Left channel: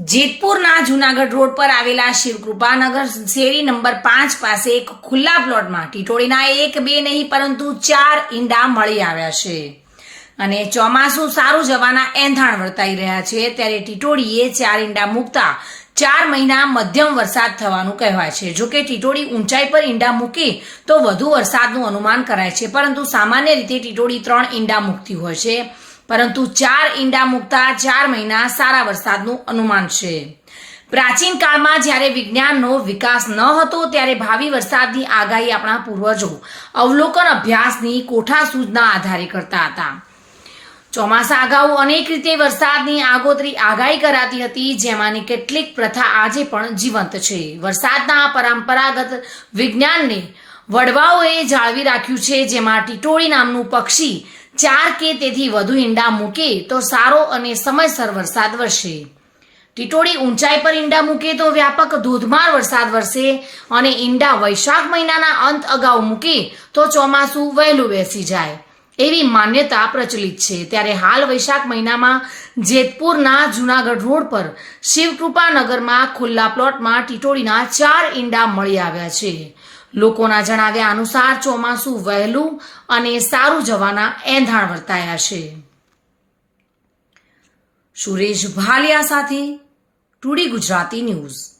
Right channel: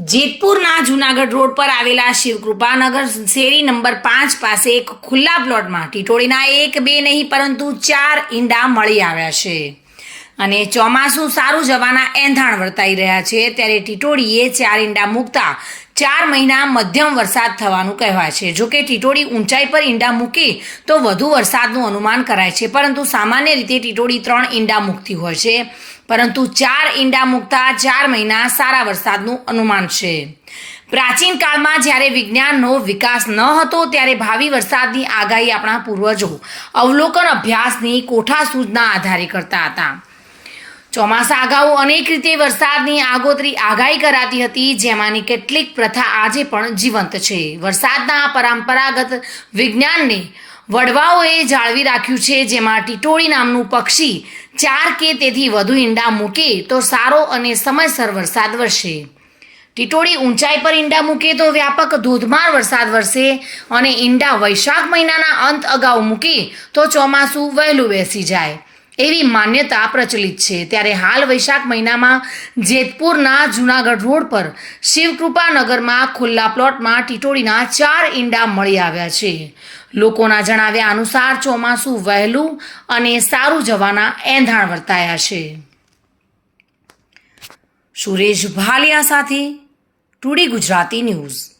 જેતપુરના Junagadh road પર આવેલા શિવકૃપાનગર શેરી નંબર પાંચ પાસે એક ખુલ્લા પ્લોટમાં ટીટોળીના એક બે નહીં, પરંતુ ચાર ઈંડા મળી આવ્યા છે. અને ચોમાસું સારું જવાના એંધાણ વર્તાઈ રહ્યા છે. ત્યારે ટીટોળીએ ચાર ઈંડા મૂકતા ચાર મહિના મધ્યમ વરસાદ થવાનું કહેવાય છે. જો કે ટીટોળી ઊંચાઈ પર ઈંડા મૂકી તો વધુ વરસાદનું અનુમાન કરાય છે. પરંતુ સામાન્ય રીતે ટીટોળી ત્રણ ઈંડા મૂકતી હોય છે. પરંતુ ચાર ઈંડા મૂકતા ચાર મહિના સારા વરસાદનું અનુમાન છે. પ્રાચીન કાળમાં જ્યારે વિજ્ઞાનનો વિકાસ ન હતો, ત્યારે ભાવિ વરસાદની આગાહી આપણા પૂર્વજો અવલોકન અભ્યાસની કોઠાસૂઝના આધારે કરતા હતા. ચોમાસા અગાઉ અનેક રીતે વરસાદની આગોતરી આગાહી કરાતી હતી, જેમાંની કેટલીક પ્રથા આજે પણ જીવંત છે. વરસાદના પરંપરાગત વિજ્ઞાનને વડવાઓએ જાળવી રાખ્યું છે, જેમાં ટીટોળી નામનું પક્ષી ચાર કે તેથી વધુ ઈંડા મૂકે તો સારો અને સમયસર વરસાદ વરસે. ટીટોળી ઊંચાઈ પર ઈંડા મૂકે તો વ્યાપક ધોધમાર વરસાદ વરસે અને ઈંડા વૈશાખ મહિનાના અંત અગાઉ મૂકે તો ચોમાસું વહેલું બેસી જાય. એવી માન્યતા પ્રચલિત છે. ત્યારે હાલ વૈશાખ મહિનામાં જેતપુરના જુનાગઢ રોડ પર શિવકૃપા નગરમાં ખુલ્લા પ્લોટમાં ટીટોળીના ચાર ઈંડા મળી આવ્યા છે. લોકોના જણાવ્યા અનુસાર ચોમાસું વહેલું અને સારું જવાના એંધાણ વર્તાયા છે. સુરેશ ભાલિયા સાથે ટુડી ગુજરાતી ન્યૂઝ.